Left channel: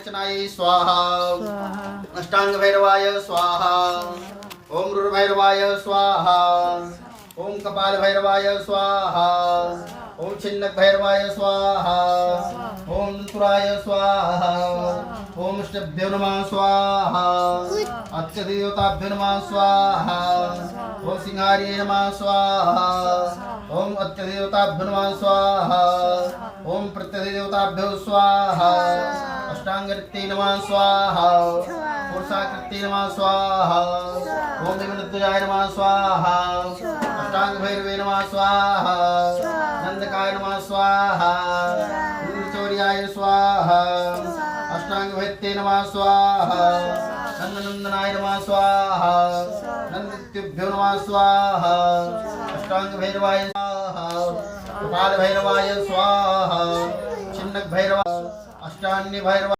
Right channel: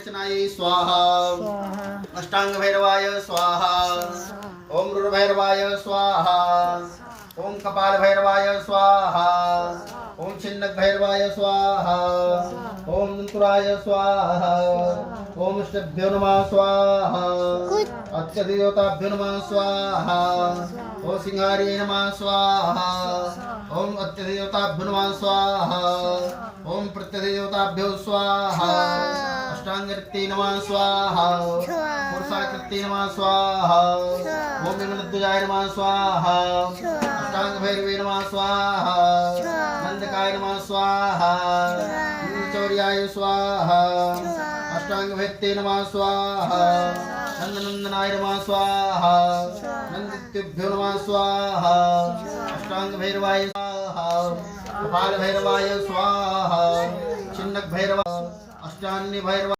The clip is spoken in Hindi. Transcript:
विमोचनाय स्वाहा अष्टांग भैरवाय स्वाहा ओम रुद्र भैरवाय स्वाहा ओम कपाल भैरवाय स्वाहा ओम छिन्नक भैरवाय स्वाहा ओम दंतुराय स्वाहा ओम इष्टभ्यो नमः स्वाहा अत्यदेवताभ्यो नमः स्वाहा ओम सिंहार्ये नमः स्वाहा ओम अत्यदेवताभ्यो नमः स्वाहा ओम प्रत्यदेवताभ्यो स्वाहा अष्टांगकृत्ये नमः स्वाहा पुरुषाकृत्ये नमः स्वाहा ओम विमलध्वजाय नमः स्वाहा अष्टांग भैरवे नमः स्वाहा नंदकाय नमः स्वाहा चौर्याय स्वाहा अष्टांग भैत्ये नमः स्वाहा नंदनंदनाय नमः स्वाहा नंदित्युभ्यो नमः स्वाहा अष्टांग भैरवाय स्वाहा कपाल भैरवाय स्वाहा छिन्नक भैरव अष्टान्य भैरव